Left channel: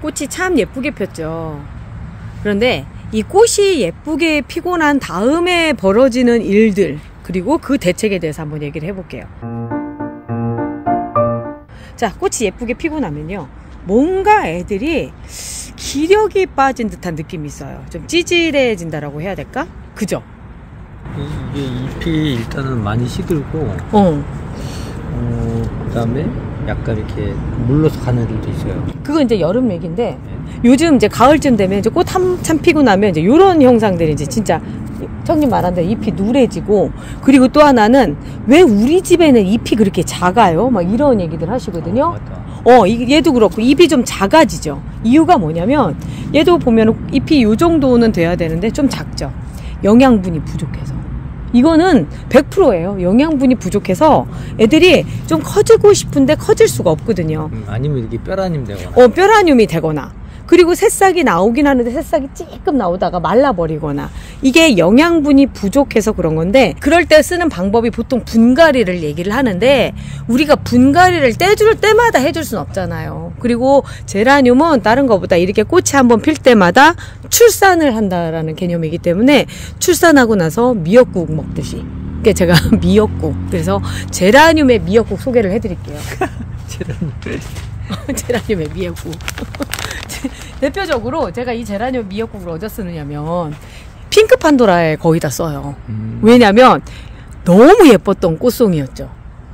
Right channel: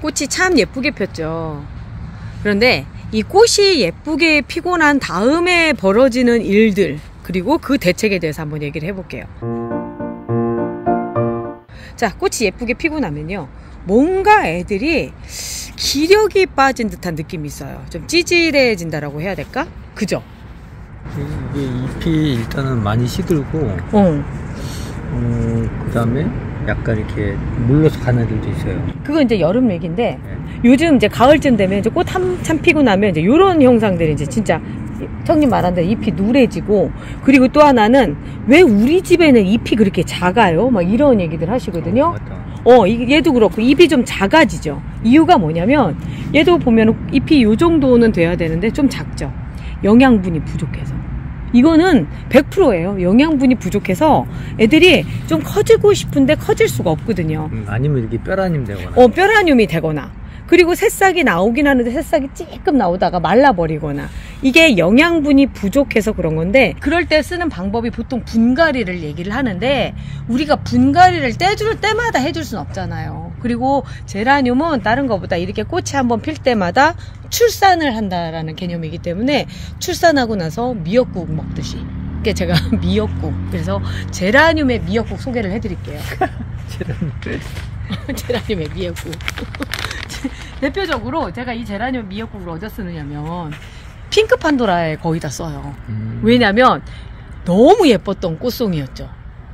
꽃이 참 예쁘게 폈죠. 그런데 이 꽃이 예쁘게 피고 난 다음에 벌어지는 일들, 그리고 그 대책에 대해서 한번 얘기를 해볼게요. 자, 꽃이 예쁘게 피고 나면요, 뭔가 애들이 기력이 빠진 듯한 느낌이 있어요. 좀 찌질해진다라고 해야 될까? 그죠? 이게 잎이 일단은 많이 시들고, 그 다음에 약간 이렇게 물러서 가는 애들도 있어요. 그건 이제 여름 얘기인데, 요즘 이제 가을쯤 되면 이제 꽃 한참 피고 나면 이제 요런 형상들이 이제 진짜 형님 말한 대로 잎이 누래지고, 그리고 또 하나는 왜 우리 집에는 잎이 그렇게 작아요? 막 이런 얘기들 하시거든요. 얘도 그렇고 잎이 좀 작아지죠. 이유가 뭐냐면 얘도 보면 잎이 요 정도는 돼야 되는데 좀 작죠. 영양분이 부족해서. 이거는 100%예요. 영양분이 부족해서 애들이 좀 커지고 싶은데 커질 수가 없거든요. 아니면 이렇게 뼈라늄 되거나. 뼈라늄이 되거나. 그리고 새싹이 나오긴 하는데 새싹이 찔끔 나오다가 말라버리거나. 이게 영양분이 부족해서 그런 건데, 그럴 때 쓰는 방법이 보통 분갈이를 얘기를 하는데, 우리가 분갈이를 떼줄 때마다 해줄 순 없잖아요. 그리고 제라늄은 다른 것보다 이렇게 꽃이 한번 필 때마다 출산을 한다라는 개념이기 때문에, 출산하고 나서 미역국 먹듯이. 그게 제가 미역국. 그래서 제라늄의 미역국 소개를 해드릴게요. 제라늄의 미역국. 대표적으로 제가 이 제라늄 미역국을 어디다 쓰느냐면 핑크 판도라에 거의 다 써요. 왜냐면 너무 예뻤던 꽃송이였죠.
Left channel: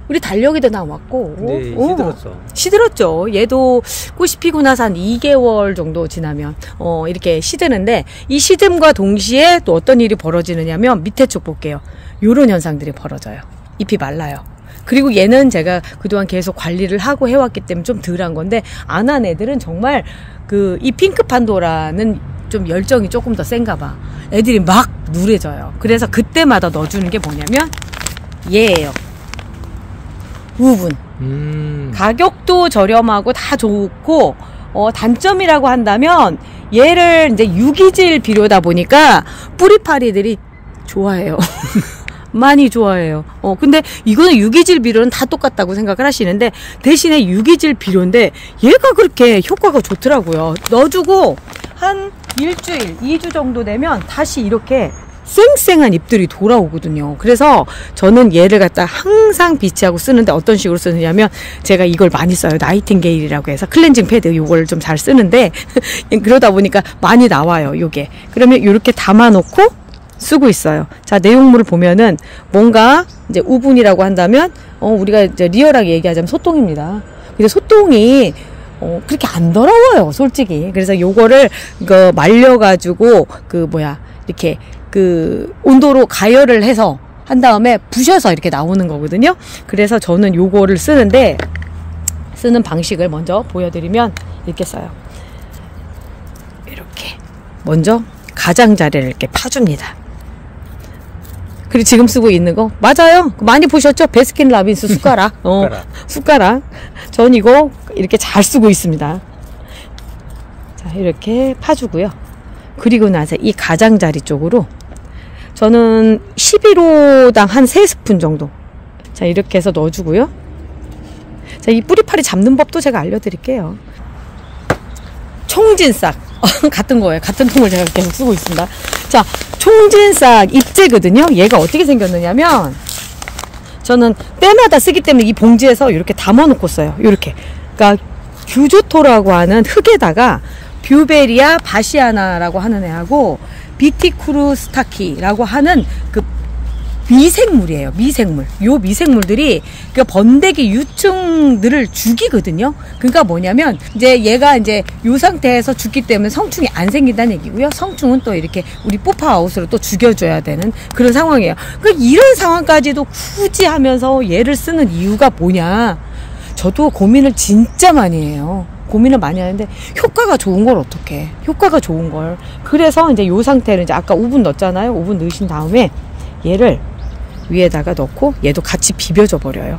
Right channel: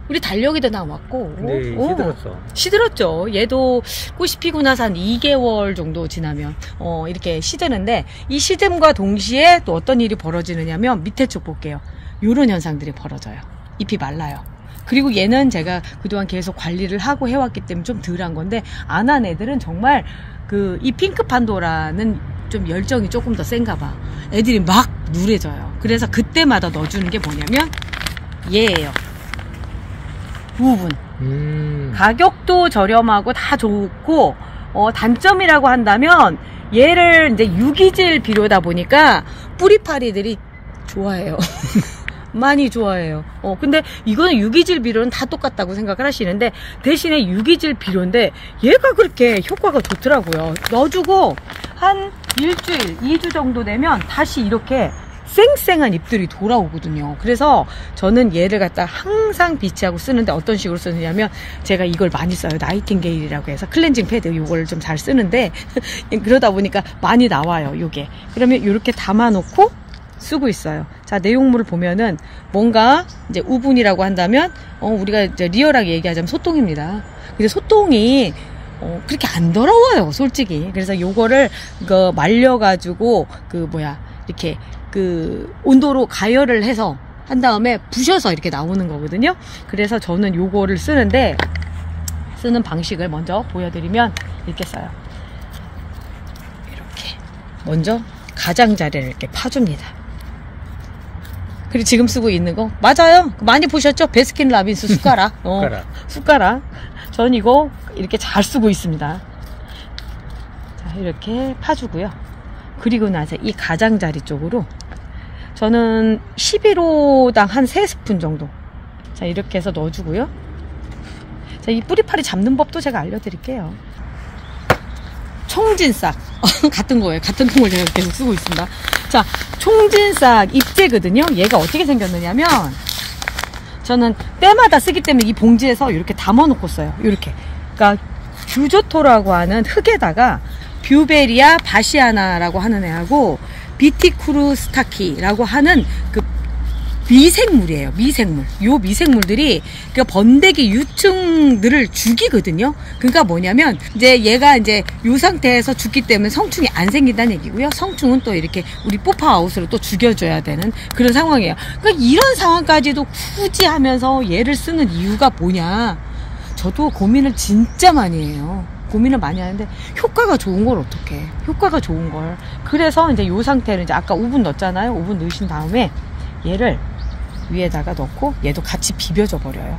우리 달력이도 나왔고. 근데 시들었어. 시들었죠. 얘도 꽃이 피고 나서 한 2개월 정도 지나면 이렇게 시드는데, 이 시듬과 동시에 또 어떤 일이 벌어지느냐면, 밑에 쪽 볼게요. 요런 현상들이 벌어져요. 잎이 말라요. 그리고 얘는 제가 그동안 계속 관리를 하고 해왔기 때문에 좀 덜한 건데, 안 한 애들은 정말 이 핑크 판도라는 좀 열정이 조금 더 센가 봐. 애들이 막 누래져요. 그래서 그때마다 넣어주는 게 뭐냐면 얘예요. 우분. 가격도 저렴하고 다 좋고, 단점이라고 한다면 얘를 이제 유기질 비료다 보니까 뿌리파리들이 좋아해요. 많이 좋아해요. 근데 이거는 유기질 비료는 다 똑같다고 생각을 하시는데, 대신에 유기질 비료인데 얘가 그렇게 효과가 좋더라고요. 넣어주고 한 일주일, 2주 정도 되면 다시 이렇게 쌩쌩한 잎들이 돌아오거든요. 그래서 저는 얘를 갖다 항상 비치하고 쓰는데, 어떤 식으로 쓰느냐면, 제가 이걸 많이 써요. 나이팅게일이라고 해서 클렌징 패드 이걸 좀 잘 쓰는데 그러다 보니까 많이 나와요. 요게. 그러면 이렇게 담아놓고 쓰고 있어요. 자, 내용물을 보면은 뭔가 이제 우분이라고 한다면, 우리가 이제 리얼하게 얘기하자면 소똥입니다. 근데 소똥이 그렇게 안 더러워요, 솔직히. 그래서 요거를 말려가지고 이렇게 온도로 가열을 해서 한 다음에 부셔서 이렇게 나오는 거거든요. 그래서 저는 요거를 쓰는데, 쓰는 방식을 먼저 보여드리면 이렇게 써요. 이렇게 먼저 가장자리를 이렇게 파줍니다. 그리고 지금 쓰고 있는 거 맞아요. 많이 보셨죠? 베스킨라빈스 숟가락. 숟가락. 전 이거 이렇게 잘 쓰고 있습니다. 자, 이렇게 파주고요. 그리고 나서 이 가장자리 쪽으로 저는 11호당 한 3스푼 정도. 자, 이렇게 해서 넣어주고요. 자, 이 뿌리파리 잡는 법도 제가 알려드릴게요. 총진싹. 같은 거예요. 같은 통을 제가 계속 쓰고 있습니다. 자, 총진싹 잎재거든요. 얘가 어떻게 생겼느냐면, 저는 때마다 쓰기 때문에 이 봉지에서 이렇게 담아놓고 써요. 이렇게. 그러니까 규조토라고 하는 흙에다가 뷰베리아 바시아나라고 하는 애하고 비티쿠르스타키라고 하는 미생물이에요. 미생물. 요 미생물들이 번데기 유충들을 죽이거든요. 그러니까 뭐냐면, 이제 얘가 이제 요 상태에서 죽기 때문에 성충이 안 생긴다는 얘기고요. 성충은 또 이렇게 우리 뽀파하우스로 또 죽여줘야 되는 그런 상황이에요. 그러니까 이런 상황까지도 굳이 하면서 얘를 쓰는 이유가 뭐냐. 저도 고민을 진짜 많이 해요. 고민을 많이 하는데, 효과가 좋은 걸 어떡해. 효과가 좋은 걸. 그래서 이제 요 상태를 이제 아까 우분 넣었잖아요. 우분 넣으신 다음에 얘를 위에다가 넣고 얘도 같이 비벼줘 버려요.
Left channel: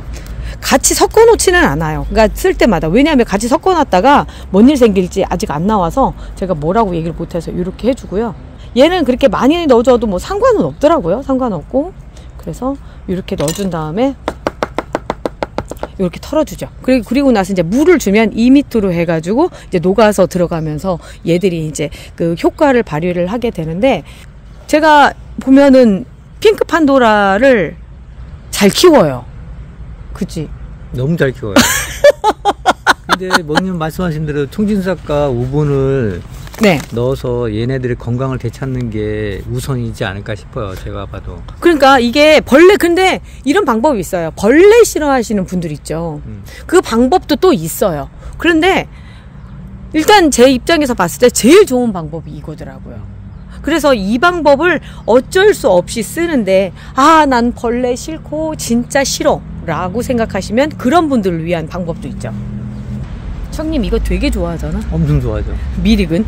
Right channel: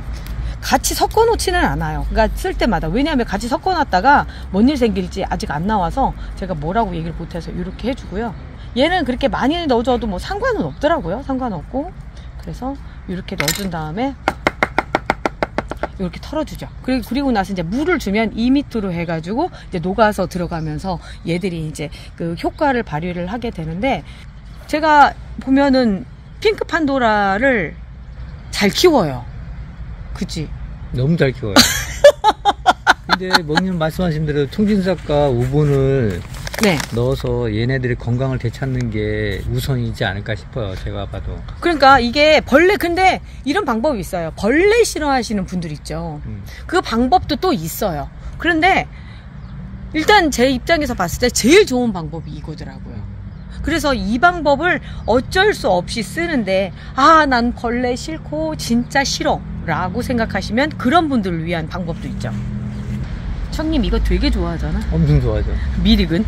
같이 섞어 놓지는 않아요. 그러니까 쓸 때마다. 왜냐하면 같이 섞어 놨다가 뭔 일 생길지 아직 안 나와서 제가 뭐라고 얘기를 못해서 이렇게 해주고요. 얘는 그렇게 많이 넣어줘도 뭐 상관은 없더라고요. 상관없고. 그래서 이렇게 넣어준 다음에 이렇게 털어주죠. 그리고 나서 이제 물을 주면 2m로 해가지고 이제 녹아서 들어가면서 얘들이 이제 그 효과를 발휘를 하게 되는데, 제가 보면은 핑크 판도라를 잘 키워요. 그치? 너무 잘 키워요. 근데 먹님 말씀하신 대로 통진삭과 우분을 네. 넣어서 얘네들의 건강을 되찾는 게 우선이지 않을까 싶어요. 제가 봐도. 그러니까 이게 벌레, 근데 이런 방법이 있어요. 벌레 싫어하시는 분들 있죠. 그 방법도 또 있어요. 그런데 일단 제 입장에서 봤을 때 제일 좋은 방법이 이거더라고요. 그래서 이 방법을 어쩔 수 없이 쓰는데, 아, 난 벌레 싫고 진짜 싫어 라고 생각하시면 그런 분들을 위한 방법도 있죠. 형님 이거 되게 좋아하잖아. 엄청 좋아하죠. 미릭은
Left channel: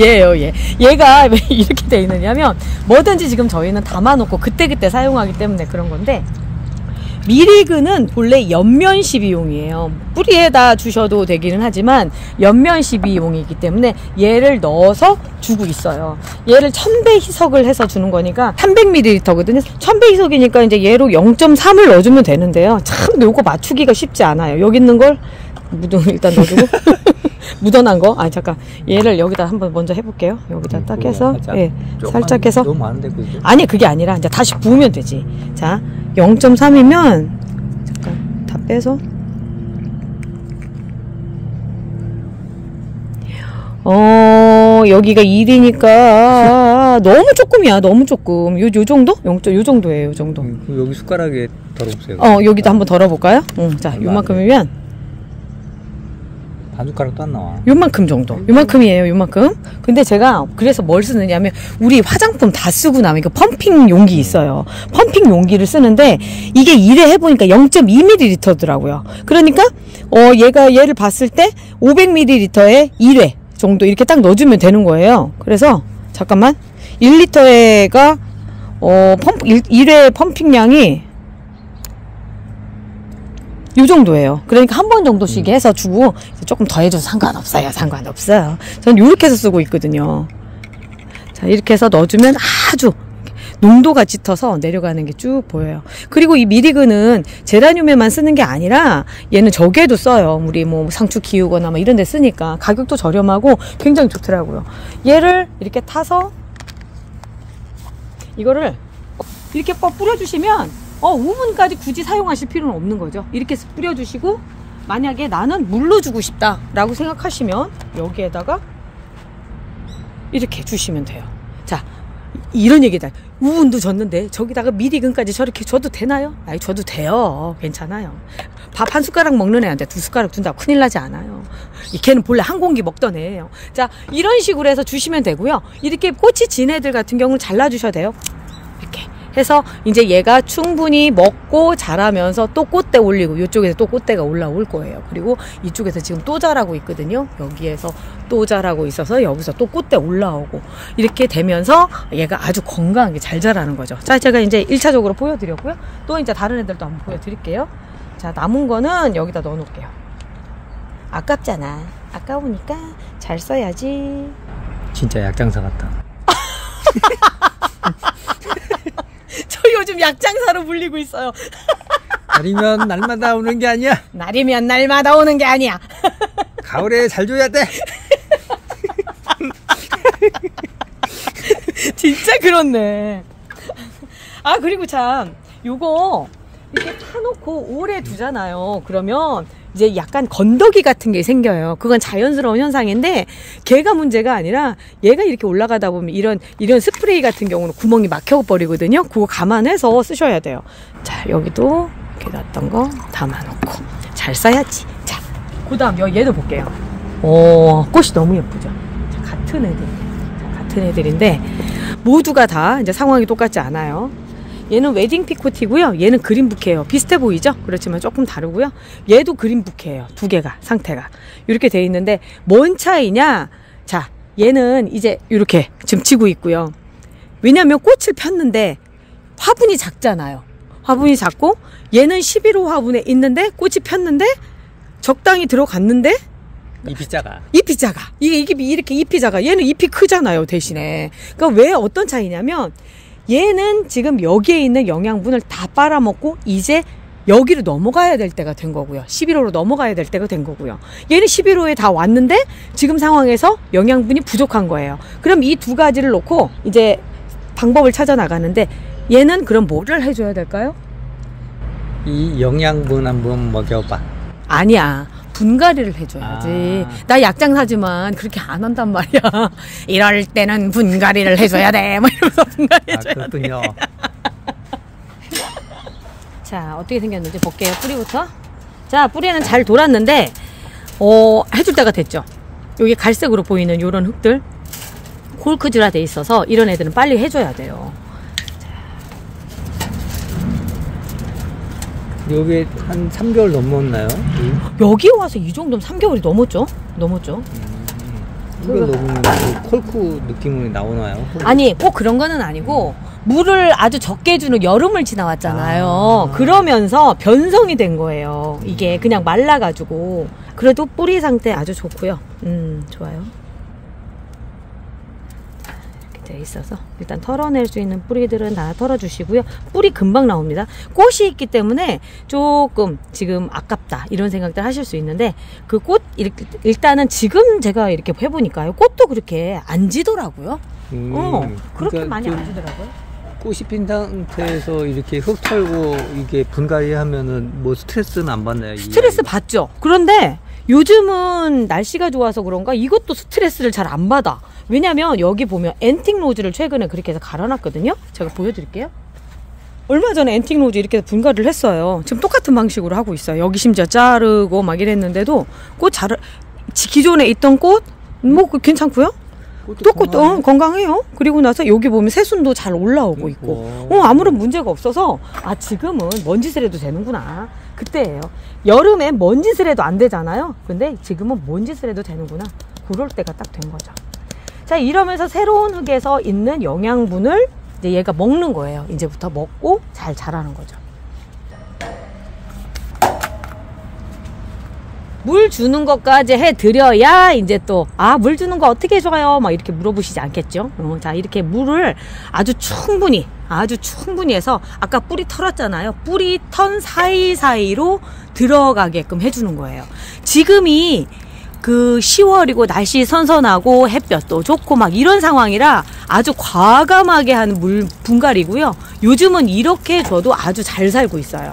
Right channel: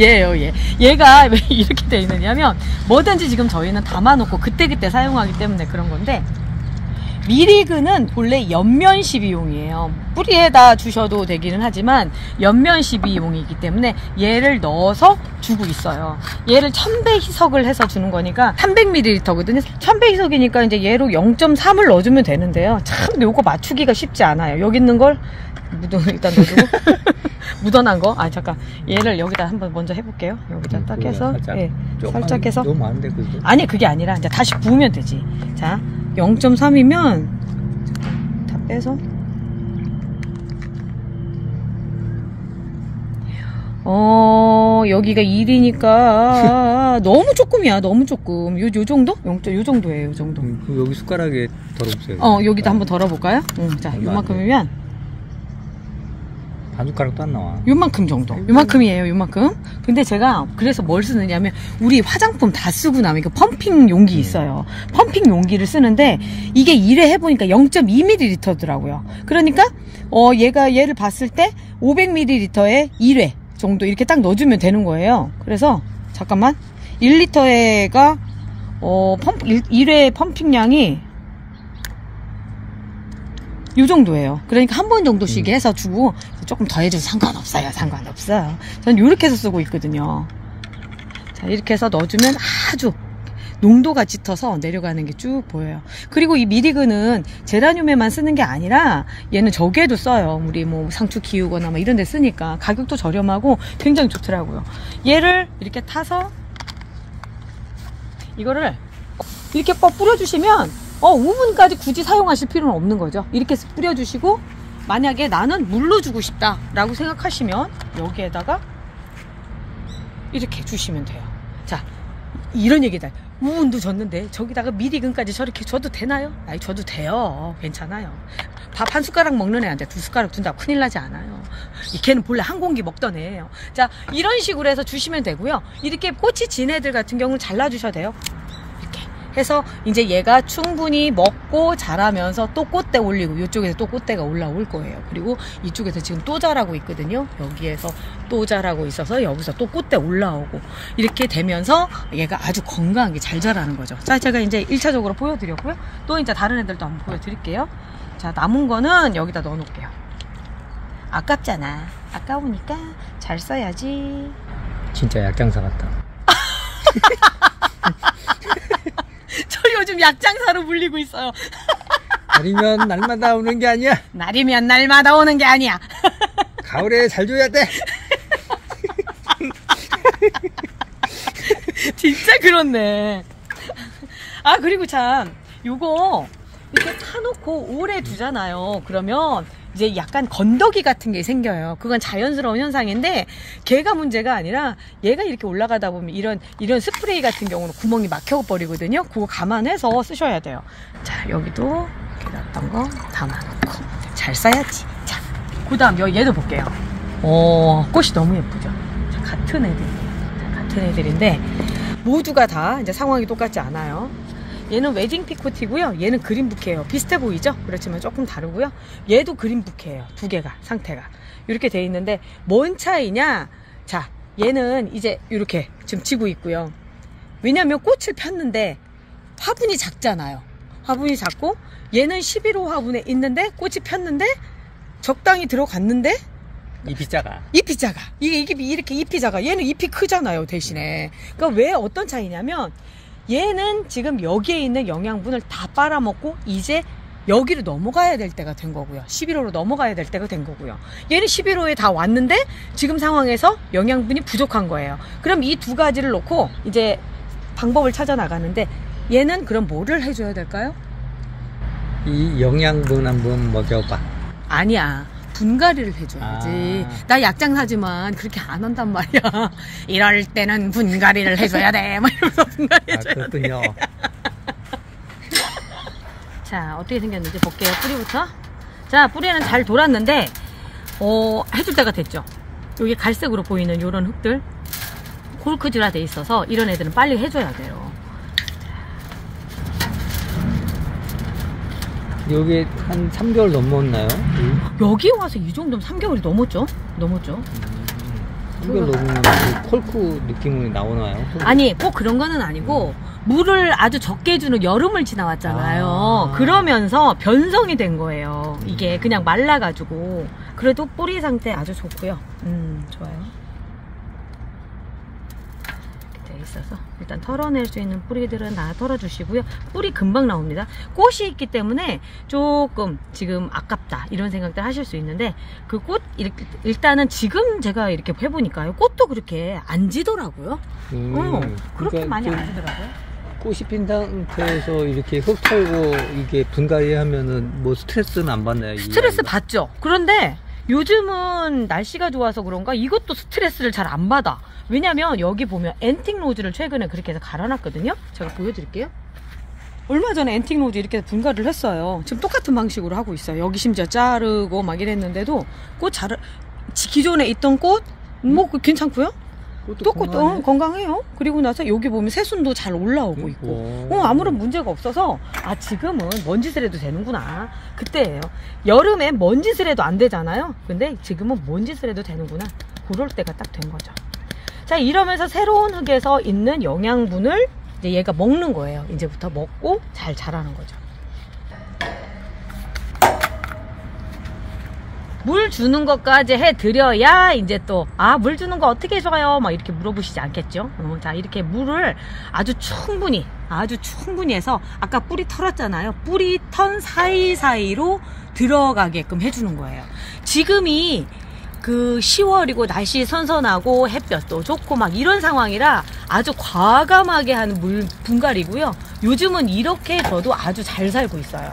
얘예요. 얘가 왜 이렇게 돼 있느냐면, 뭐든지 지금 저희는 담아놓고 그때그때 사용하기 때문에 그런 건데, 미리그는 본래 옆면 시비용이에요. 뿌리에다 주셔도 되기는 하지만 옆면 시비용이기 때문에 얘를 넣어서 주고 있어요. 얘를 1100희석을 해서 주는 거니까 300ml거든요. 1100희석이니까 이제 얘로 0.3을 넣어주면 되는데요. 참 요거 맞추기가 쉽지 않아요. 여기 있는 걸 일단 넣어주고 묻어난 거. 아, 잠깐, 얘를 여기다 한번 먼저 해볼게요. 여기다 딱 해서, 예, 살짝 해서. 너무 많은데 그죠? 아니, 그게 아니라 이제 다시 부으면 되지. 자, 0.3이면 잠깐 다 빼서, 여기가 1이니까 너무 조금이야. 너무 조금. 요 정도? 요 정도예요. 요 정도. 여기 숟가락에 덜어보세요. 여기다 한번 덜어볼까요? 자, 요만큼이면 반 숟가락도 안 나와. 요만큼 정도. 요만큼이에요. 요만큼. 근데 제가 그래서 뭘 쓰느냐면, 우리 화장품 다 쓰고 나면 그 펌핑 용기 있어요. 펌핑 용기를 쓰는데, 이게 1회 해보니까 0.2ml더라고요. 그러니까 얘를 봤을 때 500ml에 1회 정도 이렇게 딱 넣어주면 되는 거예요. 그래서 잠깐만, 1리터가 1회 펌핑량이 요 정도예요. 그러니까 한 번 정도씩 해서 주고, 조금 더 해줘도 상관없어요. 상관없어요. 저는 요렇게 해서 쓰고 있거든요. 자, 이렇게 해서 넣어주면 아주 농도가 짙어서 내려가는 게 쭉 보여요. 그리고 이 미리그는 제라늄에만 쓰는 게 아니라 얘는 저기에도 써요. 우리 뭐 상추 키우거나 뭐 이런 데 쓰니까 가격도 저렴하고 굉장히 좋더라고요. 얘를 이렇게 타서 이거를 이렇게 꼭 뿌려주시면 우분까지 굳이 사용하실 필요는 없는 거죠. 이렇게 뿌려주시고, 만약에 나는 물로 주고 싶다 라고 생각하시면 여기에다가 이렇게 주시면 돼요. 자, 이런 얘기다. 우분도 줬는데 저기다가 미리근까지 저렇게 줘도 되나요? 아니, 줘도 돼요. 괜찮아요. 밥 한 숟가락 먹는 애한테 2숟가락 준다고 큰일 나지 않아요. 걔는 본래 한 공기 먹던 애예요. 자, 이런 식으로 해서 주시면 되고요. 이렇게 꽃이 진 애들 같은 경우는 잘라주셔야 돼요. 이렇게 해서 이제 얘가 충분히 먹고 자라면서 또 꽃대 올리고, 이쪽에서 또 꽃대가 올라올 거예요. 그리고 이쪽에서 지금 또 자라고 있거든요. 여기에서 또 자라고 있어서 여기서 또 꽃대 올라오고, 이렇게 되면서 얘가 아주 건강하게 잘 자라는 거죠. 자, 제가 이제 1차적으로 보여드렸고요. 또 이제 다른 애들도 한번 보여드릴게요. 자, 남은 거는 여기다 넣어 놓을게요. 아깝잖아. 아까우니까 잘 써야지. 진짜 약장사 같다. 저 요즘 약장사로 불리고 있어요. 날이면 날마다 오는 게 아니야. 날이면 날마다 오는 게 아니야. 가을에 잘 줘야 돼. 진짜 그렇네. 아, 그리고 참 요거 이렇게 타놓고 오래 두잖아요. 그러면 이제 약간 건더기 같은 게 생겨요. 그건 자연스러운 현상인데, 걔가 문제가 아니라 얘가 이렇게 올라가다 보면 이런 스프레이 같은 경우는 구멍이 막혀버리거든요. 그거 감안해서 쓰셔야 돼요. 자, 여기도 이렇게 놨던 거 담아놓고 잘 써야지. 자, 그 다음 얘도 볼게요. 꽃이 너무 예쁘죠. 자, 같은 애들인데 모두가 다 이제 상황이 똑같지 않아요. 얘는 웨딩 피코티고요. 얘는 그린 부케예요. 비슷해 보이죠? 그렇지만 조금 다르고요. 얘도 그린 부케예요. 두 개가 상태가 이렇게 돼 있는데, 뭔 차이냐? 자, 얘는 이제 이렇게 지금 지고 있고요. 왜냐면 꽃을 폈는데 화분이 작잖아요. 화분이 작고, 얘는 11호 화분에 있는데 꽃이 폈는데 적당히 들어갔는데 잎이 작아. 잎이 작아. 이게 이렇게 잎이 작아. 얘는 잎이 크잖아요, 대신에. 그러니까 왜 어떤 차이냐면, 얘는 지금 여기에 있는 영양분을 다 빨아먹고 이제 여기로 넘어가야 될 때가 된 거고요. 11호로 넘어가야 될 때가 된 거고요. 얘는 11호에 다 왔는데 지금 상황에서 영양분이 부족한 거예요. 그럼 이 두 가지를 놓고 이제 방법을 찾아 나가는데, 얘는 그럼 뭐를 해줘야 될까요? 이 영양분 한번 먹여봐. 아니야, 분갈이를 해줘야지. 나 약장사지만 그렇게 안 한단 말이야. 이럴 때는 분갈이를 해줘야 돼, 뭐 이러면서 분갈이 해줘야 그렇군요. 돼. 자, 어떻게 생겼는지 볼게요. 뿌리부터. 자, 뿌리는 잘 돌았는데 해줄 때가 됐죠. 여기 갈색으로 보이는 요런 흙들, 콜크즈라 돼 있어서 이런 애들은 빨리 해줘야 돼요. 여기 한 3개월 넘었나요? 여기 와서 이 정도면 3개월이 넘었죠? 넘었죠. 3개월 넘으면 그 콜크 느낌이 나오나요? 아니, 꼭 그런 거는 아니고, 물을 아주 적게 주는 여름을 지나왔잖아요. 그러면서 변성이 된 거예요. 이게 그냥 말라가지고. 그래도 뿌리 상태 아주 좋고요. 좋아요. 이렇게 돼 있어서 일단 털어낼 수 있는 뿌리들은 다 털어주시고요. 뿌리 금방 나옵니다. 꽃이 있기 때문에 조금 지금 아깝다 이런 생각들 하실 수 있는데, 그 꽃 일단은 지금 제가 이렇게 해보니까요, 꽃도 그렇게 안 지더라고요. 그렇게 그러니까 많이 안 지더라고요. 꽃이 핀 상태에서 이렇게 흙 털고 이게 분갈이 하면은 뭐 스트레스는 안 받나요? 스트레스 받죠. 그런데 요즘은 날씨가 좋아서 그런가 이것도 스트레스를 잘 안 받아. 왜냐면 여기 보면 앤틱 로즈를 최근에 그렇게 해서 갈아놨거든요. 제가 보여드릴게요. 얼마 전에 앤틱 로즈 이렇게 분갈이를 했어요. 지금 똑같은 방식으로 하고 있어요. 여기 심지어 자르고 막 이랬는데도 기존에 있던 꽃 뭐 괜찮고요. 꽃도 건강해요. 그리고 나서 여기 보면 새순도 잘 올라오고 있고, 아무런 문제가 없어서, 지금은 먼지를 해도 되는구나. 그때예요. 여름에 먼지를 해도 안 되잖아요. 근데 지금은 먼지를 해도 되는구나. 그럴 때가 딱 된 거죠. 자, 이러면서 새로운 흙에서 있는 영양분을 이제 얘가 먹는 거예요. 이제부터 먹고 잘 자라는 거죠. 물 주는 것까지 해드려야 이제 또 물 주는 거 어떻게 해줘요? 막 이렇게 물어보시지 않겠죠? 자, 이렇게 물을 아주 충분히 해서 아까 뿌리 털었잖아요. 뿌리 턴 사이사이로 들어가게끔 해주는 거예요. 지금이 그 10월이고 날씨 선선하고 햇볕도 좋고 막 이런 상황이라 아주 과감하게 하는 물 분갈이고요. 요즘은 이렇게 줘도 아주 잘 살고 있어요.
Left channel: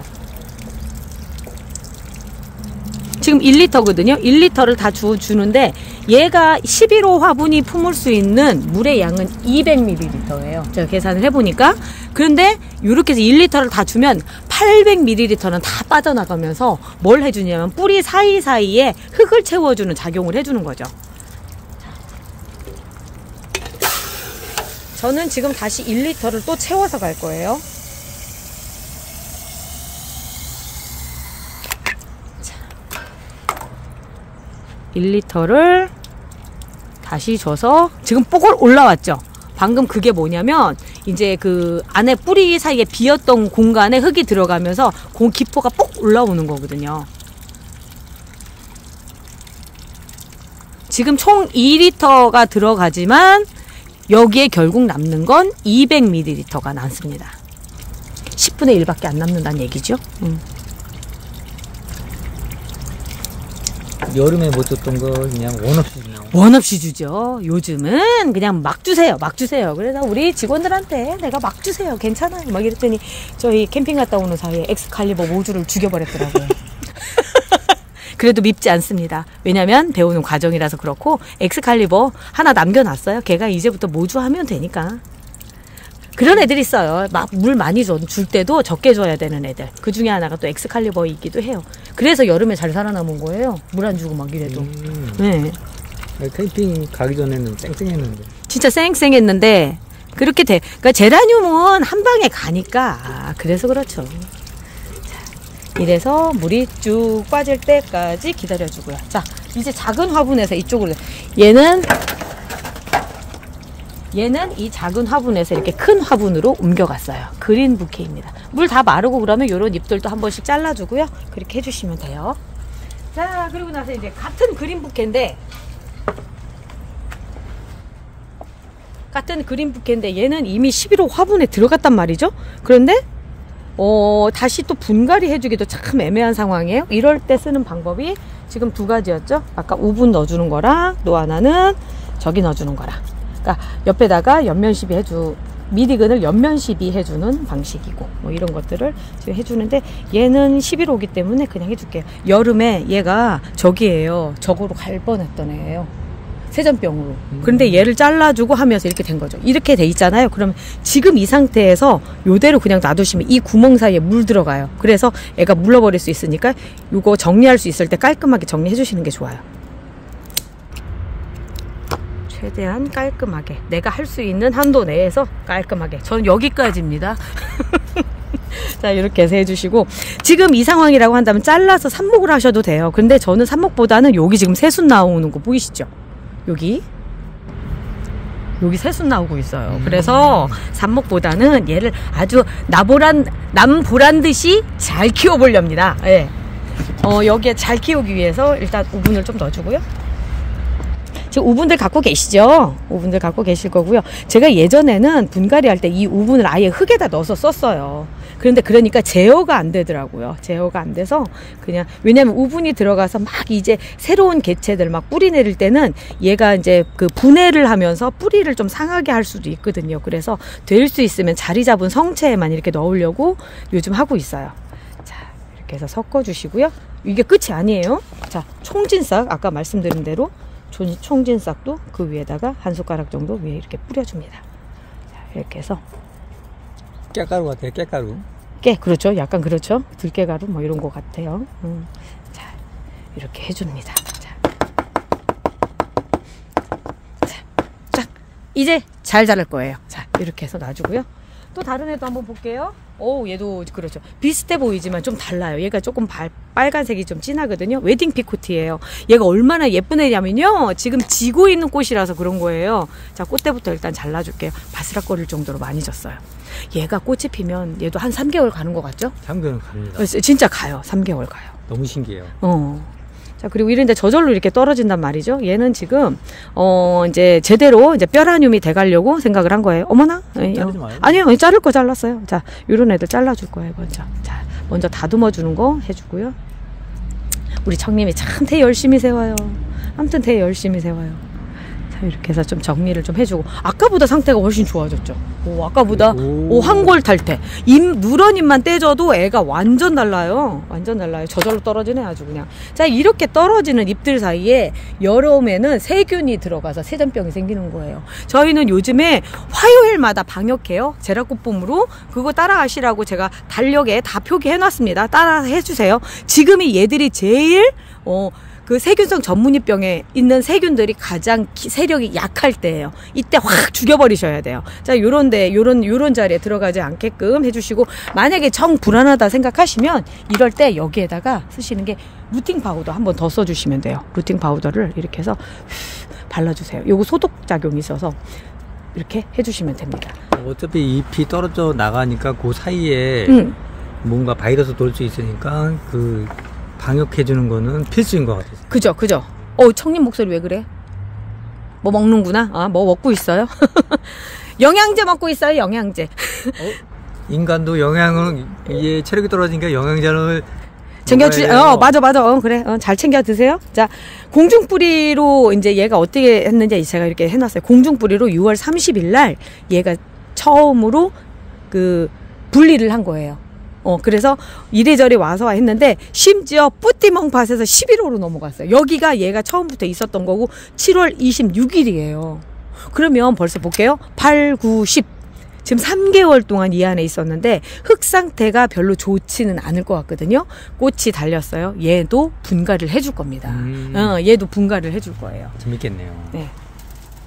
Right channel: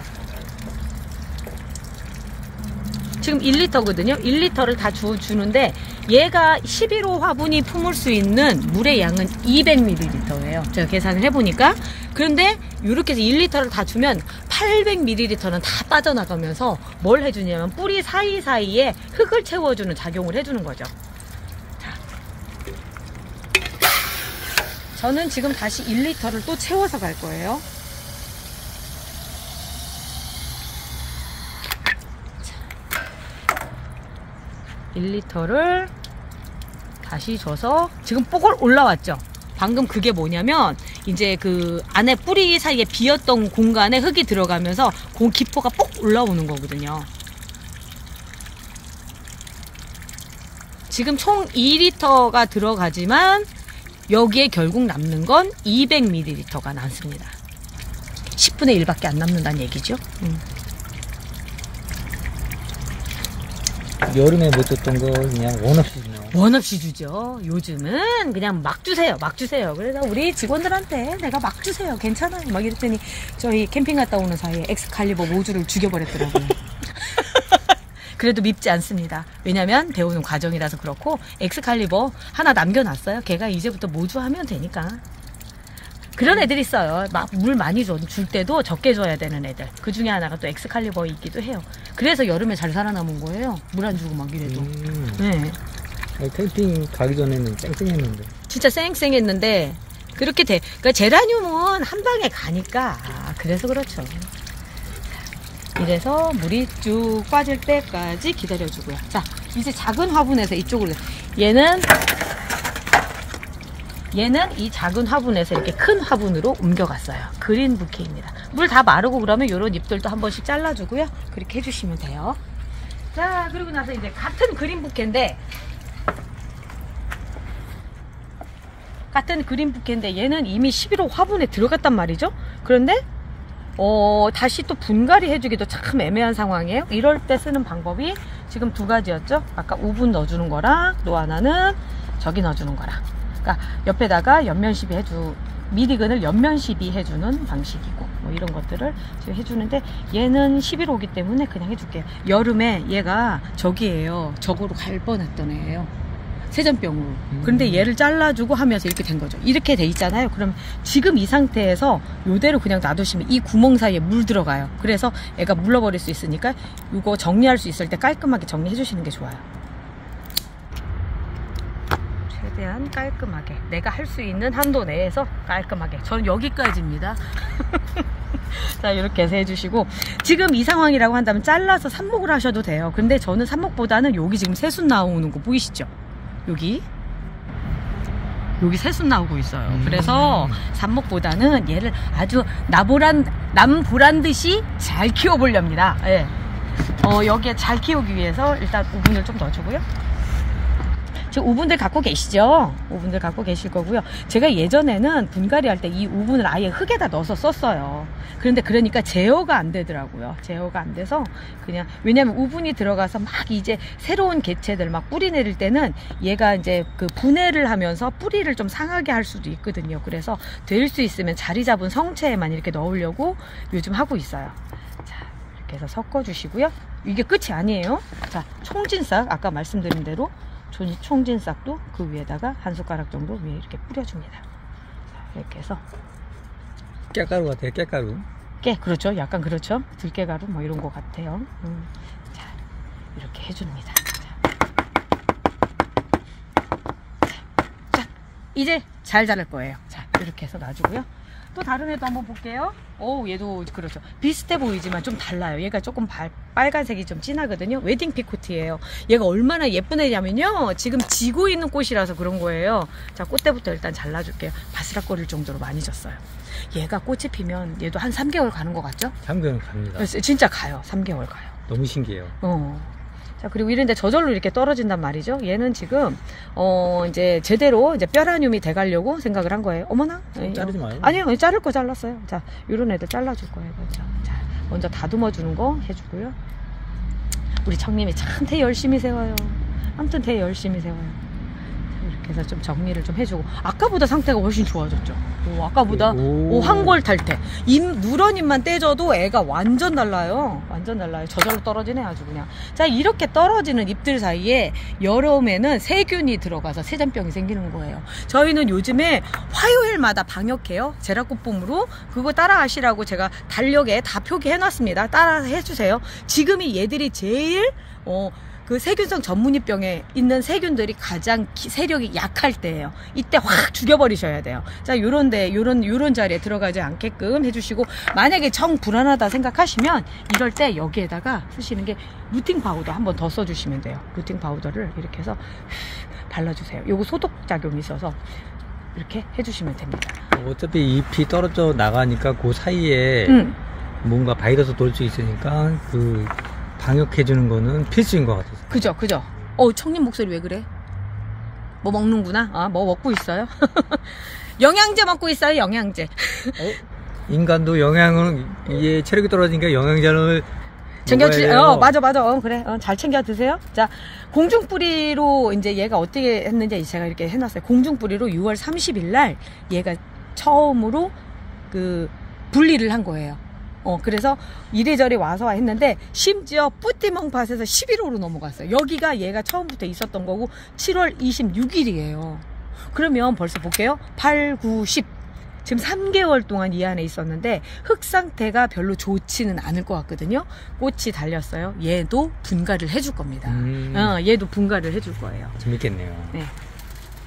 지금 1리터거든요. 1리터를 다 주는데 얘가 11호 화분이 품을 수 있는 물의 양은 200ml예요. 제가 계산을 해보니까. 그런데 이렇게 해서 1리터를 다 주면 800ml는 다 빠져나가면서 뭘 해주냐면 뿌리 사이사이에 흙을 채워주는 작용을 해주는 거죠. 저는 지금 다시 1리터를 또 채워서 갈 거예요. 1리터를 다시 줘서 지금 뽀글 올라왔죠. 방금 그게 뭐냐면 이제 그 안에 뿌리 사이에 비었던 공간에 흙이 들어가면서 그 기포가 뽁 올라오는 거거든요. 지금 총 2리터가 들어가지만 여기에 결국 남는 건 200ml가 남습니다. 10분의 1밖에 안 남는다는 얘기죠. 여름에 못 줬던 거 그냥 원 없이 주네요. 원 없이 주죠. 요즘은 그냥 막 주세요. 막 주세요. 그래서 우리 직원들한테 내가 막 주세요. 괜찮아요. 막 이랬더니 저희 캠핑 갔다 오는 사이에 엑스칼리버 모주를 죽여버렸더라고요. 그래도 밉지 않습니다. 왜냐면 배우는 과정이라서 그렇고 엑스칼리버 하나 남겨놨어요. 걔가 이제부터 모주 하면 되니까. 그런 애들이 있어요. 막 물 많이 줄 때도 적게 줘야 되는 애들. 그 중에 하나가 또 엑스칼리버이기도 해요. 그래서 여름에 잘 살아남은 거예요. 물 안 주고 막 이래도. 네. 캠핑 가기 전에는 쌩쌩했는데. 진짜 쌩쌩했는데 그렇게 돼. 그러니까 제라늄은 한 방에 가니까 그래서 그렇죠. 자, 이래서 물이 쭉 빠질 때까지 기다려주고요. 자, 이제 작은 화분에서 이쪽으로. 얘는 이 작은 화분에서 이렇게 큰 화분으로 옮겨갔어요. 그린 부케입니다. 물 다 마르고 그러면 이런 잎들도 한 번씩 잘라주고요. 그렇게 해주시면 돼요. 자, 그리고 나서 이제 같은 그린 부케인데 얘는 이미 11호 화분에 들어갔단 말이죠. 그런데 다시 또 분갈이 해주기도 참 애매한 상황이에요. 이럴 때 쓰는 방법이 지금 두 가지였죠. 아까 우분 넣어주는 거랑 또 하나는 저기 넣어주는 거랑. 그러니까 옆에다가 옆면 시비 미디근을 옆면 시비 해주는 방식이고 뭐 이런 것들을 지금 해주는데 얘는 11호기 때문에 그냥 해줄게요. 여름에 얘가 저기에요. 저거로 갈 뻔했던 애예요. 세전병으로. 그런데 얘를 잘라주고 하면서 이렇게 된 거죠. 이렇게 돼 있잖아요. 그럼 지금 이 상태에서 요대로 그냥 놔두시면 이 구멍 사이에 물 들어가요. 그래서 애가 물러버릴 수 있으니까 이거 정리할 수 있을 때 깔끔하게 정리해 주시는 게 좋아요. 최대한 깔끔하게 내가 할 수 있는 한도 내에서 깔끔하게. 저는 여기까지입니다. 자, 이렇게 해서 해주시고 지금 이 상황이라고 한다면 잘라서 삽목을 하셔도 돼요. 근데 저는 삽목보다는 여기 지금 새순 나오는 거 보이시죠? 여기 새순 나오고 있어요. 그래서 삽목보다는 얘를 아주 남보란 듯이 잘 키워보렵니다. 예. 여기에 잘 키우기 위해서 일단 우분을 좀 넣어주고요. 지금 우분들 갖고 계시죠? 우분들 갖고 계실 거고요. 제가 예전에는 분갈이 할 때 이 우분을 아예 흙에다 넣어서 썼어요. 그런데 그러니까 제어가 안 되더라고요. 제어가 안 돼서 그냥, 왜냐면 우분이 들어가서 막 이제 새로운 개체들 막 뿌리 내릴 때는 얘가 이제 그 분해를 하면서 뿌리를 좀 상하게 할 수도 있거든요. 그래서 될 수 있으면 자리 잡은 성체에만 이렇게 넣으려고 요즘 하고 있어요. 자, 이렇게 해서 섞어 주시고요. 이게 끝이 아니에요. 자, 총진싹 아까 말씀드린 대로 총진싹도 그 위에다가 한 숟가락 정도 위에 이렇게 뿌려줍니다. 자, 이렇게 해서 깨가루 같아요. 깨가루. 그렇죠. 약간 그렇죠. 들깨가루 뭐 이런 것 같아요. 자, 이렇게 해줍니다. 자, 이제 잘 자랄 거예요. 자, 이렇게 해서 놔주고요. 또 다른 애도 한번 볼게요. 얘도 그렇죠. 비슷해 보이지만 좀 달라요. 얘가 조금 빨간색이 좀 진하거든요. 웨딩 피코트예요. 얘가 얼마나 예쁜 애냐면요. 지금 지고 있는 꽃이라서 그런 거예요. 자, 꽃대부터 일단 잘라줄게요. 바스락거릴 정도로 많이 졌어요. 얘가 꽃이 피면 얘도 한 3개월 가는 것 같죠? 3개월 갑니다. 진짜 가요. 3개월 가요. 너무 신기해요. 자, 그리고 이런데 저절로 이렇게 떨어진단 말이죠. 얘는 지금 이제 제대로 이제 뼈라늄이 돼가려고 생각을 한 거예요. 어머나? 자르지 마요. 아니요, 자를 거 잘랐어요. 자, 이런 애들 잘라줄 거예요, 먼저. 자, 먼저 다듬어 주는 거 해주고요. 우리 청님이 참 태 열심히 세워요. 아무튼 태 열심히 세워요. 자, 이렇게 해서 좀 정리를 좀 해주고, 아까보다 상태가 훨씬 좋아졌죠. 아까보다 황골 탈태. 누런잎만 떼줘도 애가 완전 달라요. 완전 달라요. 저절로 떨어지네 아주 그냥. 자, 이렇게 떨어지는 잎들 사이에 여름에는 세균이 들어가서 세전병이 생기는 거예요. 저희는 요즘에 화요일마다 방역해요. 제라꽃봄으로. 그거 따라 하시라고 제가 달력에 다 표기해놨습니다. 따라 해주세요. 지금이 얘들이 제일 그 세균성 전문이병에 있는 세균들이 가장 세력이 약할 때예요. 이때 확 죽여버리셔야 돼요. 자, 요런 자리에 들어가지 않게끔 해주시고, 만약에 정 불안하다 생각하시면 이럴 때 여기에다가 쓰시는 게 루팅 파우더 한번 더 써주시면 돼요. 루팅 파우더를 이렇게 해서 발라주세요. 요거 소독작용이 있어서 이렇게 해주시면 됩니다. 어차피 잎이 떨어져 나가니까 그 사이에 뭔가 바이러스 돌 수 있으니까 그 방역해주는 거는 필수인 것 같아요. 그죠. 청님 목소리 왜 그래? 뭐 먹는구나? 뭐 먹고 있어요? 영양제 먹고 있어요, 영양제. 인간도 영양을, 이게 체력이 떨어지니까 영양제를 챙겨주세요. 맞아. 그래. 잘 챙겨 드세요. 자, 공중뿌리로 이제 얘가 어떻게 했는지 제가 이렇게 해놨어요. 공중뿌리로 6월 30일 날 얘가 처음으로 그 분리를 한 거예요. 그래서 이래저래 와서 했는데, 심지어 뿌띠멍팟에서 11호로 넘어갔어요. 여기가 얘가 처음부터 있었던 거고 7월 26일이에요. 그러면 벌써 볼게요. 8, 9, 10. 지금 3개월 동안 이 안에 있었는데 흙 상태가 별로 좋지는 않을 것 같거든요. 꽃이 달렸어요. 얘도 분갈이를 해줄 겁니다. 얘도 분갈이를 해줄 거예요. 재밌겠네요. 네.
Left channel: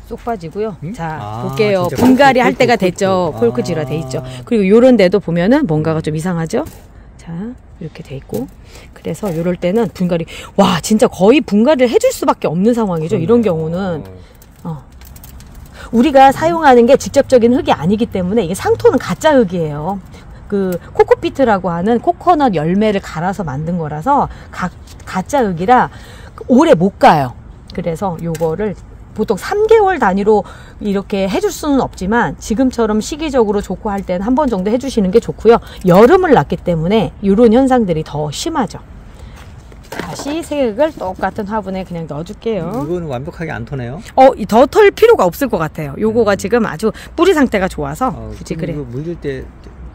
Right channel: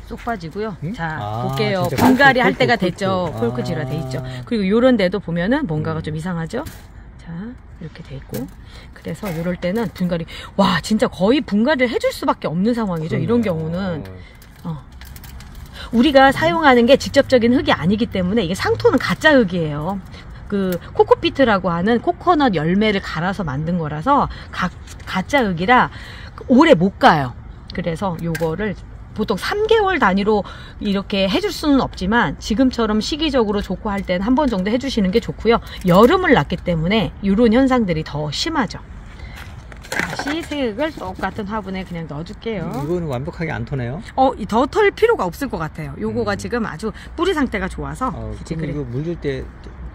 쏙 빠지고요. 자, 볼게요. 진짜 분갈이 할 때가 됐죠. 콜크지라 돼 있죠. 그리고 요런 데도 보면은 뭔가가 좀 이상하죠. 자, 이렇게 돼 있고. 그래서 요럴 때는 분갈이, 와, 진짜 거의 분갈이를 해줄 수밖에 없는 상황이죠. 이런 경우는. 우리가 사용하는 게 직접적인 흙이 아니기 때문에 이게 상토는 가짜 흙이에요. 그 코코피트라고 하는 코코넛 열매를 갈아서 만든 거라서 가짜 흙이라 오래 못 가요. 그래서 요거를 보통 3개월 단위로 이렇게 해줄 수는 없지만 지금처럼 시기적으로 좋고 할 때는 한 번 정도 해주시는 게 좋고요. 여름을 났기 때문에 이런 현상들이 더 심하죠. 다시 색을 똑같은 화분에 그냥 넣어줄게요. 이거는 완벽하게 안 터네요? 더 털 필요가 없을 것 같아요. 요거가 지금 아주 뿌리 상태가 좋아서 굳이 그래. 이거 물릴 때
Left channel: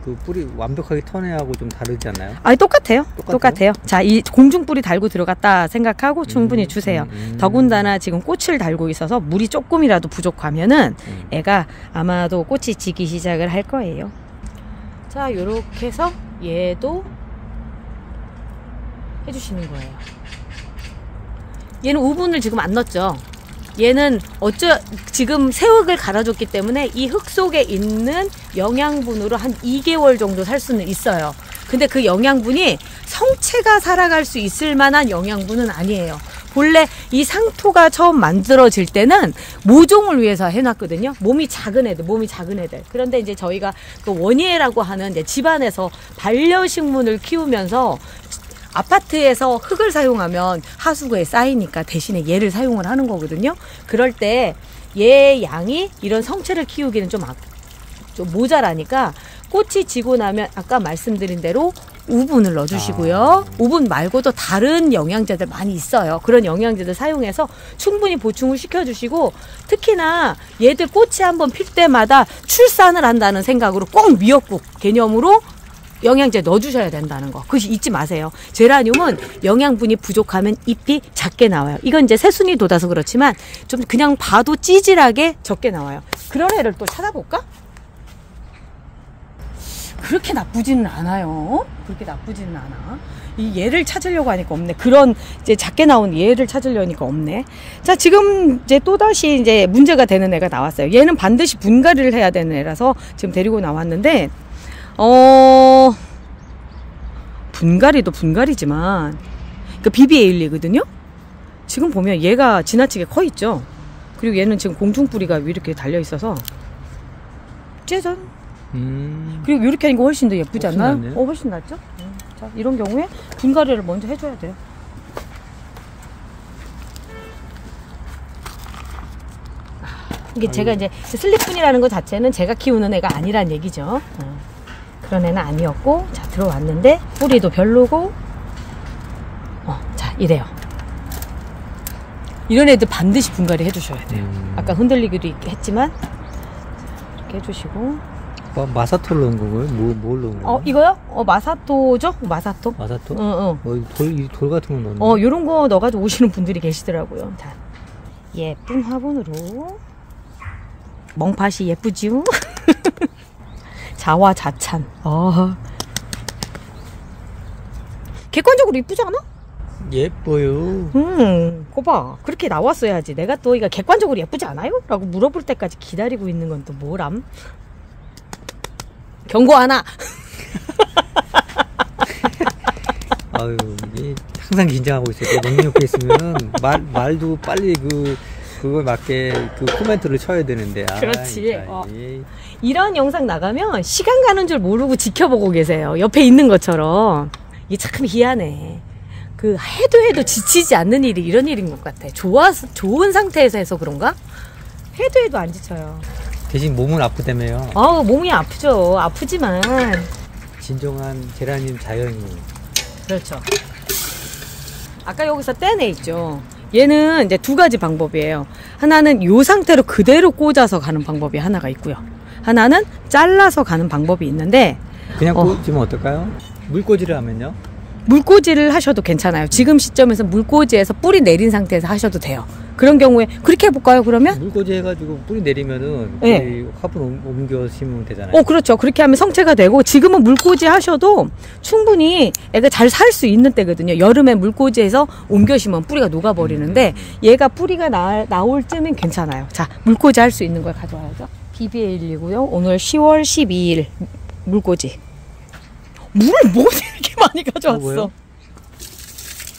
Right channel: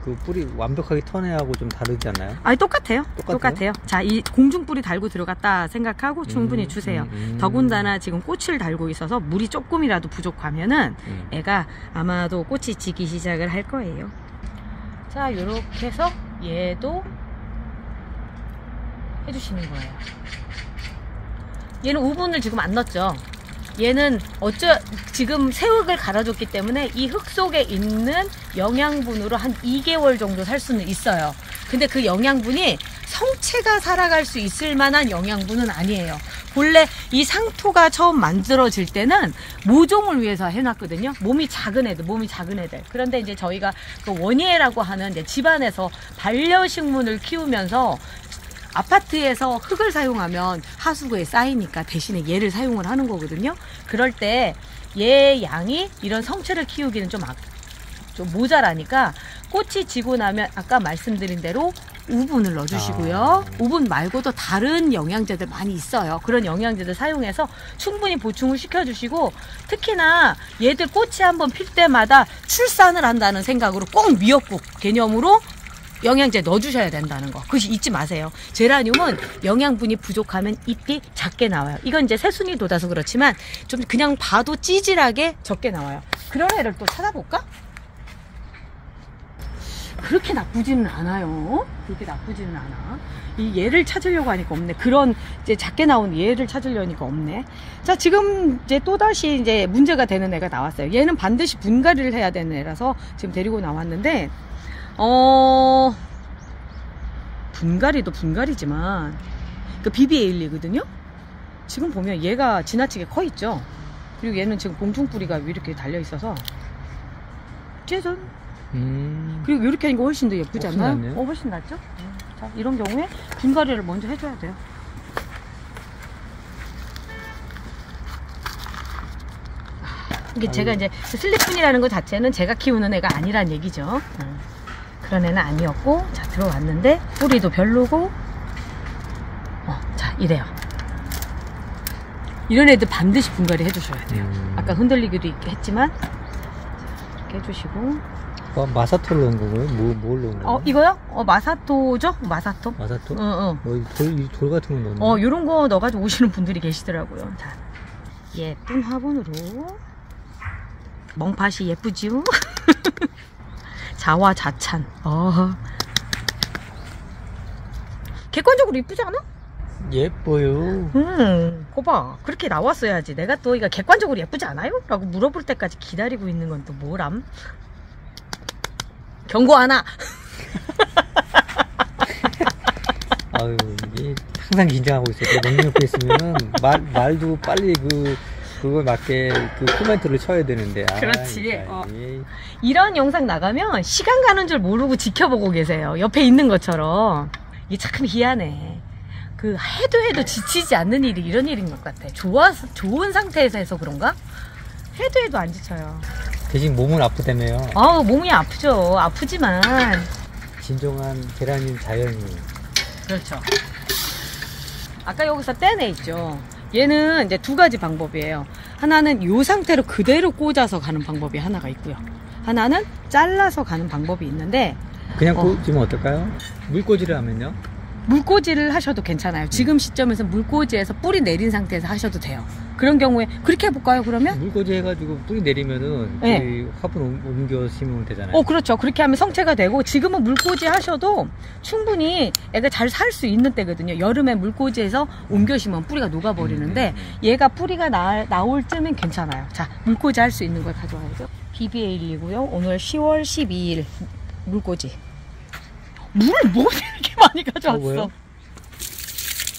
그 뿌리 완벽하게 터내하고 좀 다르지 않나요? 아니 똑같아요. 똑같아요. 자, 이 공중뿌리 달고 들어갔다 생각하고 충분히 주세요. 더군다나 지금 꽃을 달고 있어서 물이 조금이라도 부족하면은 애가 아마도 꽃이 지기 시작을 할 거예요. 자, 요렇게 해서 얘도 해주시는 거예요. 얘는 우분을 지금 안 넣었죠. 얘는 지금 새흙을 갈아줬기 때문에 이 흙 속에 있는 영양분으로 한 2개월 정도 살 수는 있어요. 근데 그 영양분이 성체가 살아갈 수 있을 만한 영양분은 아니에요. 본래 이 상토가 처음 만들어질 때는 모종을 위해서 해놨거든요. 몸이 작은 애들. 그런데 이제 저희가 또 원예라고 하는 이제 집안에서 반려식물을 키우면서 아파트에서 흙을 사용하면 하수구에 쌓이니까 대신에 얘를 사용을 하는 거거든요. 그럴 때 얘 양이 이런 성체를 키우기는 좀 모자라니까 꽃이 지고 나면 아까 말씀드린 대로 우분을 넣어주시고요. 우분 말고도 다른 영양제들 많이 있어요. 그런 영양제들 사용해서 충분히 보충을 시켜주시고, 특히나 얘들 꽃이 한번 필 때마다 출산을 한다는 생각으로 꼭 미역국 개념으로 영양제 넣어주셔야 된다는 거. 그것이 잊지 마세요. 제라늄은 영양분이 부족하면 잎이 작게 나와요. 이건 이제 새순이 돋아서 그렇지만 좀 그냥 봐도 찌질하게 적게 나와요. 그런 애를 또 찾아볼까? 그렇게 나쁘지는 않아요. 이 얘를 찾으려고 하니까 없네. 그런 이제 작게 나온 얘를 찾으려니까 없네. 자, 지금 이제 또다시 이제 문제가 되는 애가 나왔어요. 얘는 반드시 분갈이를 해야 되는 애라서 지금 데리고 나왔는데, 분갈이도 분갈이지만, 그 BBA일리거든요? 지금 보면 얘가 지나치게 커 있죠? 그리고 얘는 지금 공중뿌리가 이렇게 달려 있어서, 짜잔! 그리고 이렇게 하니까 훨씬 더 예쁘지 않나요? 훨씬 낫죠? 자, 이런 경우에 분갈이를 먼저 해줘야 돼요. 이게 제가 이제 슬립분이라는 것 자체는 제가 키우는 애가 아니란 얘기죠. 그런 애는 아니었고, 자, 들어왔는데 뿌리도 별로고, 자, 이래요. 이런 애들 반드시 분갈이 해주셔야 돼요. 아까 흔들리기도 했지만, 자, 이렇게 해주시고. 마사토를 넣은 거고요? 뭘 넣은 거예요? 이거요? 마사토죠? 마사토? 마사토? 돌 같은 거 넣는 요런 거 넣어가지고 오시는 분들이 계시더라고요. 자, 예쁜 화분으로. 멍팥이 예쁘지요? 자화자찬. 객관적으로 이쁘지 않아? 예뻐요. 그거 봐. 그렇게 나왔어야지. 내가 또 이거 객관적으로 예쁘지 않아요? 라고 물어볼 때까지 기다리고 있는 건 또 뭐람? 경고 하나. 아유, 이게 항상 긴장하고 있어요. 너무 옆에 있으면은 말도 빨리 그거에 맞게 그 코멘트를 쳐야 되는데. 그렇지. 이런 영상 나가면 시간 가는 줄 모르고 지켜보고 계세요. 옆에 있는 것처럼. 이게 참 희한해. 해도 지치지 않는 일이 이런 일인 것 같아. 좋은 상태에서 해서 그런가? 해도 안 지쳐요. 대신 몸은 아프다며요. 몸이 아프죠. 아프지만. 진정한 제라늄 자연인. 그렇죠. 아까 여기서 떼내 있죠. 얘는 이제 두 가지 방법이에요. 하나는 이 상태로 그대로 꽂아서 가는 방법이 하나가 있고요. 하나는 잘라서 가는 방법이 있는데, 그냥 꽂으면 어떨까요? 물꽂이를 하면요? 물꽂이를 하셔도 괜찮아요. 지금 시점에서 물꽂이에서 뿌리 내린 상태에서 하셔도 돼요. 그런 경우에 그렇게 해볼까요? 그러면 물꽂이 해가지고 뿌리 내리면은 네. 화분 옮겨 심으면 되잖아요. 그렇죠. 그렇게 하면 성체가 되고, 지금은 물꽂이 하셔도 충분히 애가 잘 살 수 있는 때거든요. 여름에 물꽂이해서 옮겨 심으면 뿌리가 녹아버리는데 얘가 뿌리가 나올 쯤엔 괜찮아요. 자, 물꽂이 할 수 있는 걸 가져와야죠. BBA일리고요. 오늘 10월 12일 물꽂이. 물을 뭐 이렇게 많이 가져왔어?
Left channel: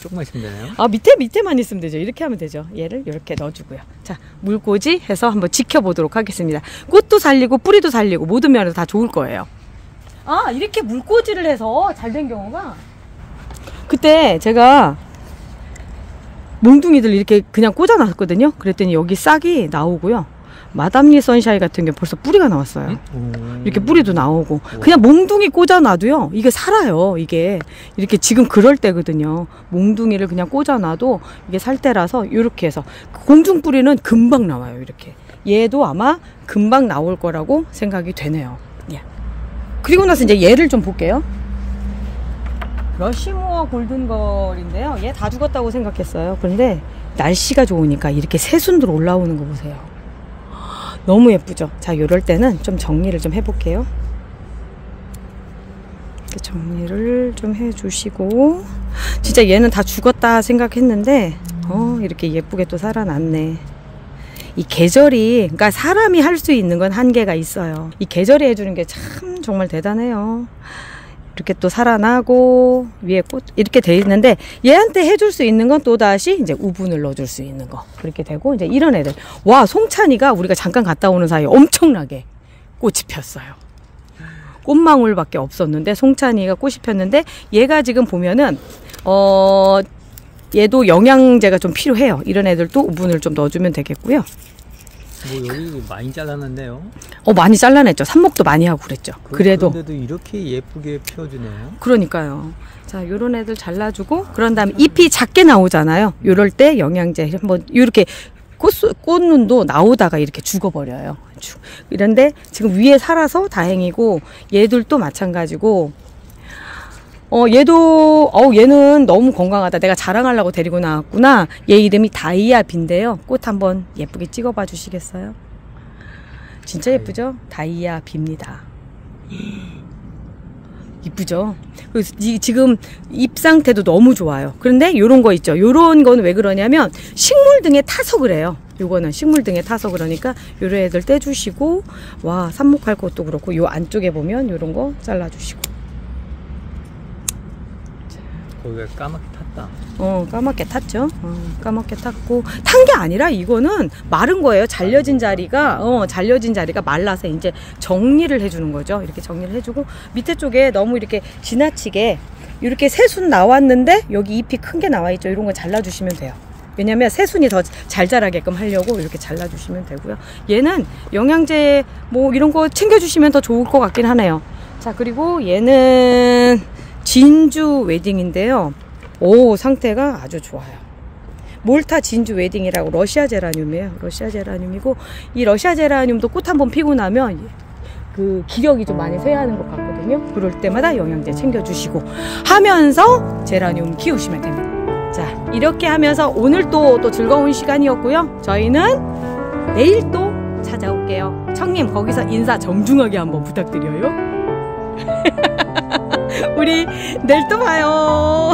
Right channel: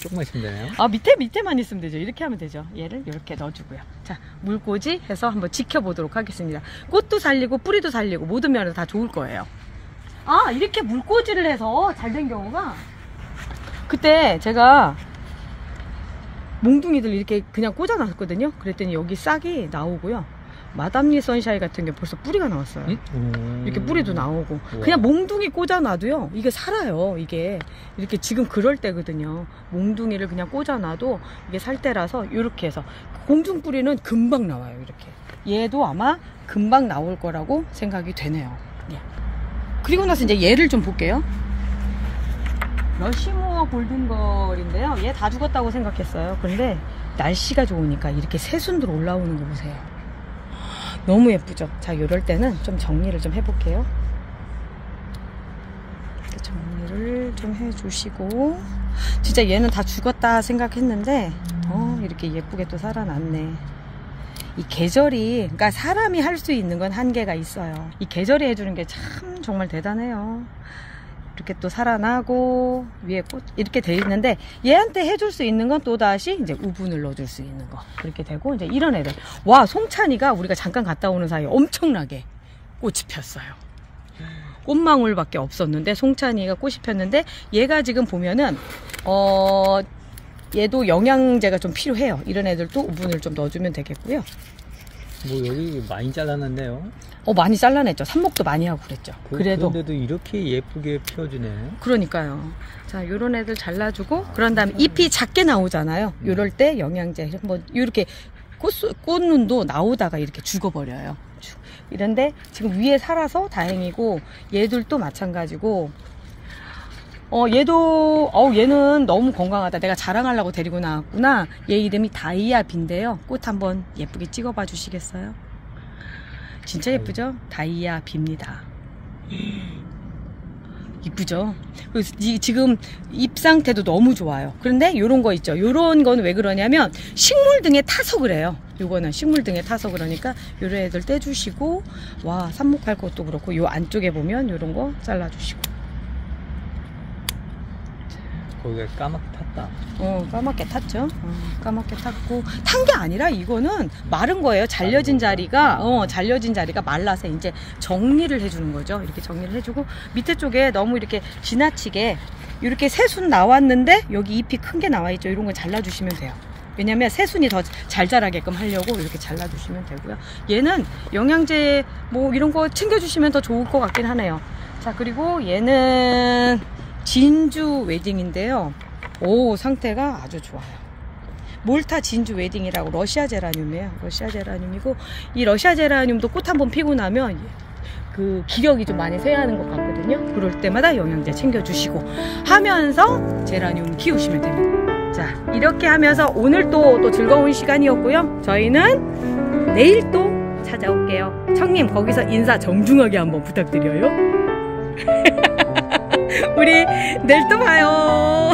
조금만 있으면 되나요? 밑에만 있으면 되죠. 이렇게 하면 되죠. 얘를 이렇게 넣어주고요. 자, 물꽂이 해서 한번 지켜보도록 하겠습니다. 꽃도 살리고 뿌리도 살리고 모든 면에서 다 좋을 거예요. 이렇게 물꽂이를 해서 잘 된 경우가, 그때 제가 몽둥이들 이렇게 그냥 꽂아놨거든요. 그랬더니 여기 싹이 나오고요. 마담니 선샤인 같은 게 벌써 뿌리가 나왔어요. 이렇게 뿌리도 나오고. 그냥 몽둥이 꽂아놔도요, 이게 살아요. 이게 이렇게 지금 그럴 때거든요. 몽둥이를 그냥 꽂아놔도 이게 살 때라서 이렇게 해서 공중 뿌리는 금방 나와요. 이렇게 얘도 아마 금방 나올 거라고 생각이 되네요. 예. 그리고 나서 이제 얘를 좀 볼게요. 러시모어 골든걸인데요. 얘 다 죽었다고 생각했어요. 근데 날씨가 좋으니까 이렇게 새순들 올라오는 거 보세요. 너무 예쁘죠? 자, 이럴 때는 좀 정리를 좀 해볼게요. 이렇게 정리를 좀 해주시고, 진짜 얘는 다 죽었다 생각했는데 이렇게 예쁘게 또 살아났네. 이 계절이, 그러니까 사람이 할 수 있는 건 한계가 있어요. 이 계절이 해주는 게 참 정말 대단해요. 이렇게 또 살아나고 위에 꽃 이렇게 돼 있는데, 얘한테 해줄 수 있는 건 또다시 이제 우분을 넣어줄 수 있는 거 그렇게 되고, 이제 이런 애들. 와, 송찬이가 우리가 잠깐 갔다 오는 사이에 엄청나게 꽃이 폈어요. 꽃망울밖에 없었는데 송찬이가 꽃이 폈는데, 얘가 지금 보면은 얘도 영양제가 좀 필요해요. 이런 애들도 우분을 좀 넣어주면 되겠고요. 뭐 여기 많이 잘라놨네요. 많이 잘라냈죠. 삽목도 많이 하고 그랬죠. 그런데도 이렇게 예쁘게 펴주네요. 그러니까요. 자, 요런 애들 잘라주고, 그런 다음에 잎이 작게 나오잖아요. 요럴 때 영양제 한번, 요렇게 꽃눈도 나오다가 이렇게 죽어버려요. 이런데 지금 위에 살아서 다행이고, 얘들도 마찬가지고, 얘는 너무 건강하다. 내가 자랑하려고 데리고 나왔구나. 얘 이름이 다이아비인데요. 꽃 한번 예쁘게 찍어봐 주시겠어요? 진짜 예쁘죠? 다이아비입니다. 이쁘죠? 지금 잎 상태도 너무 좋아요. 그런데 요런 거 있죠? 요런 건 왜 그러냐면 식물 등에 타서 그래요. 요거는 식물 등에 타서 그러니까 요런 애들 떼주시고, 와, 삽목할 것도 그렇고, 요 안쪽에 보면 요런 거 잘라주시고. 거기가 까맣게 탔다. 까맣게 탔죠. 까맣게 탔고, 탄 게 아니라 이거는 마른 거예요. 잘려진 자리가 말라서 이제 정리를 해주는 거죠. 이렇게 정리를 해주고, 밑에 쪽에 너무 이렇게 지나치게 이렇게 새순 나왔는데 여기 잎이 큰 게 나와 있죠. 이런 거 잘라주시면 돼요. 왜냐면 새순이 더 잘 자라게끔 하려고 이렇게 잘라주시면 되고요. 얘는 영양제 뭐 이런 거 챙겨주시면 더 좋을 것 같긴 하네요. 자, 그리고 얘는 진주 웨딩인데요. 오, 상태가 아주 좋아요. 몰타 진주 웨딩이라고 러시아 제라늄이에요. 러시아 제라늄이고, 이 러시아 제라늄도 꽃 한번 피고 나면 그 기력이 좀 많이 쇠하는 것 같거든요. 그럴 때마다 영양제 챙겨주시고 하면서 제라늄 키우시면 됩니다. 자, 이렇게 하면서 오늘 또 즐거운 시간이었고요. 저희는 내일 또 찾아올게요. 청님, 거기서 인사 정중하게 한번 부탁드려요. 우리 내일 또 봐요.